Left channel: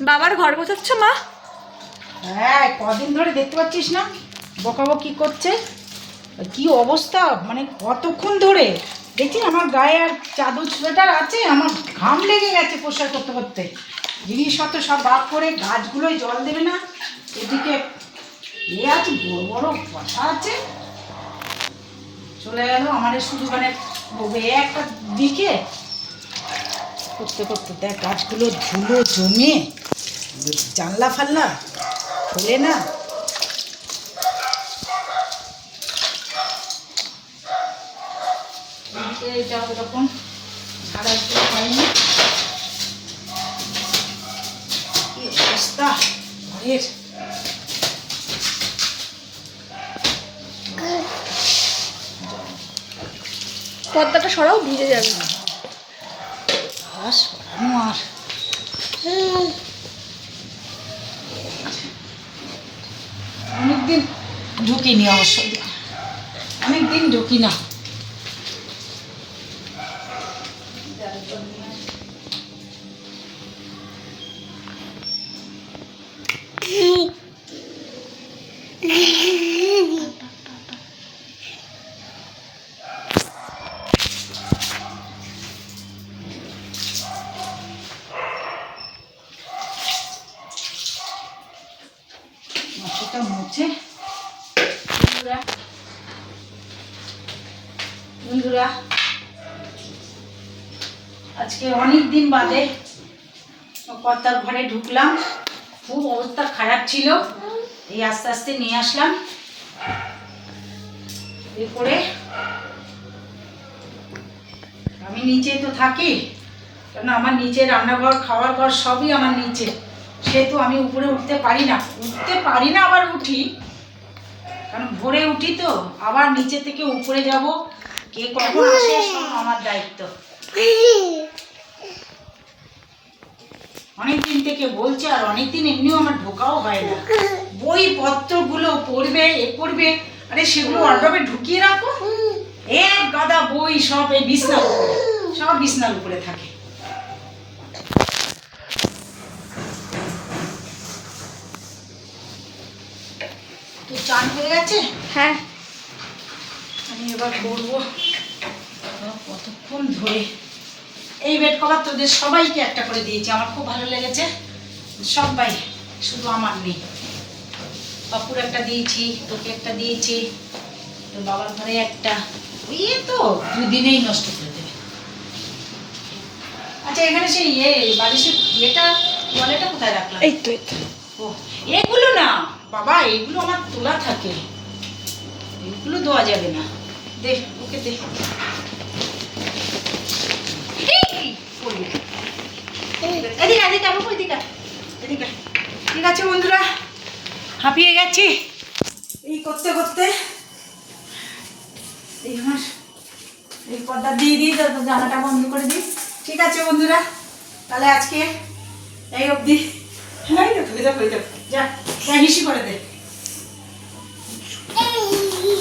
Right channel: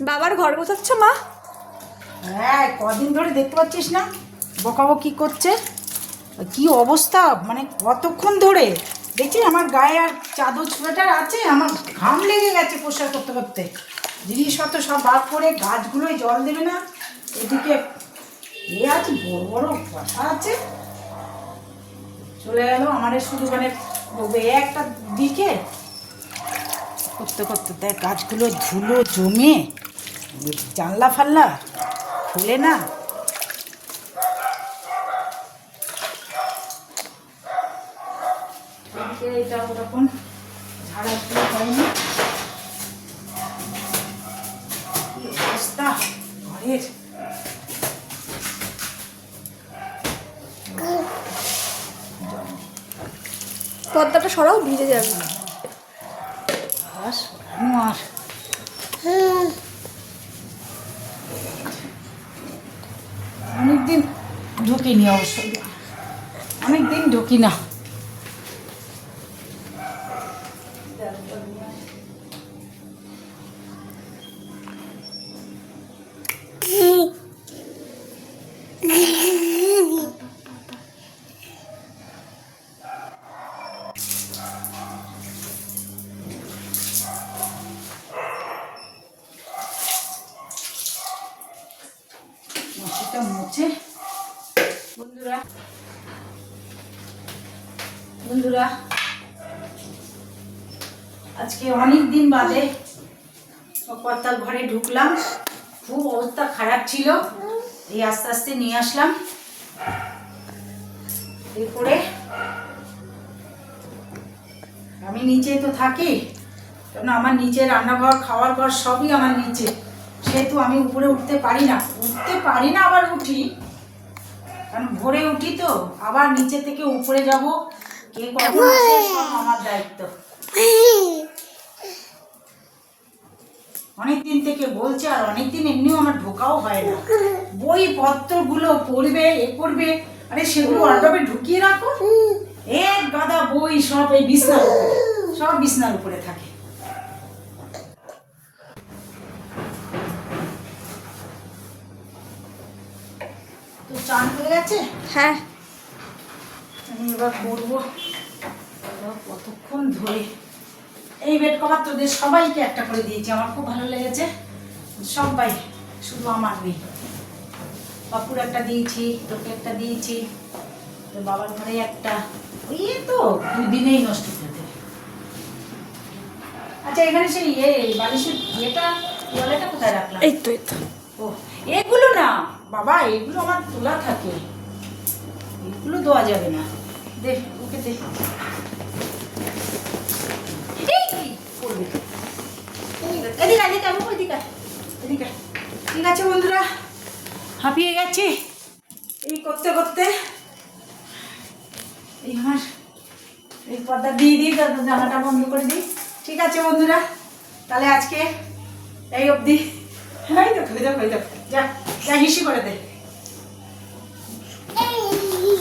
বাবার ঘর গোছাচ্ছ, মা? হ্যাঁ কদিন ধরে দেখতে পাচ্ছিস না? বকাবকি করছে। কি অবস্থা? মানে কতক্ষণ ধরে? দেখছি আমার গায়ে আর চাদর সোয়েটার আছে, আমার ঘাম লেগে গেছে পোশাক করতে করতে। জিনিসপত্র সব বার করে গাছগুলোয় জল দেবে না। এদিকে এ আছে, বড় বড় কথা আছে। চলে গেল আমাদের শুধু মানে একটা দিকে করতে করতে দেখ গাছগুলো ধুলো জমে জানলা ফাল্লা খোলে না। হয়নি। অবস্থা ঘরের? পর্দাটা সরাও ভিজে যাবে। আর সরানো আর অনেকদিন ঢুকিনি অবশ্যই অনেকদিন ঢুকি না মাটিটা মুছে বন্ধুরা বন্ধুরা, আজকে অনেক দিন বাদে কর্তার ঘরে ঢুকলাম। খুব অবস্থা খারাপ ছিল। এই আস্তে আস্তে নিয়ে আসলাম। এরপরে আমি নিচেই তো থাকি কারণ আমার নিচে রান্নাঘর, খাওয়ার ঘর সবই আমার নিচে। সেহেতু আমি উপরে উঠতে পারি না। উঠতে পারি না আবার উঠি। কারণ ভোরে উঠি তো। আবার নিচে থেকে উপরে যাব। কে কখন আসে আমার দায়িত্ব। অনেক দিন থেকে বলছে আর অনেক দিন এমনিও আমার ঢোকাও হয় না। বই পত্রগুলো পড়বে, এ করবে আরে সেগুলো অর্ডবে ঢুকিয়ে রাখো। এক গাদা বই সব এই বিছনার সব বিছনার উপরে থাকে। চান হয়ে গেছে? হ্যাঁ। আমি এবার করব। কতক্ষণ ধরে এই বেড কভার তোদের সবাইকে একটা করে দিয়েছি আমার খুব ভালো লেগেছে। সবাই শুধু আমার নেই। পাপুর একটা দিয়েছি তোকে একটা দিয়েছি তোর বাবার ঘরে একটা। ওই তো দুই দিনেই নষ্ট করে দেবে। আচ্ছা এখানে সেই ইয়ে বালিশের ইয়েটা ওয়ালেটা কোথায় রাখলাম? এই তো এই তো। ও এগুলো না বাবা এগুলো আমার তোলা থাকে। এগুলো দেওয়া যাবে না। দে ওকে দে। এই, করবি। এদিকে আয়, এদিকে আয়, বাবু, এদিকে আয়, এদিকে আয়। ঠিক আছে বন্ধুরা হাঁপিয়ে গেছি। এই করতে করতে এই আমার এই পর্দা দিয়ে দিই জানাটা বন্ধ করে দিই। ঠিক আছে বন্ধুরা তাহলে আজকে এই অবধি। এই দেখো এই দেখো এই দেখো যা যা হিসি করে দে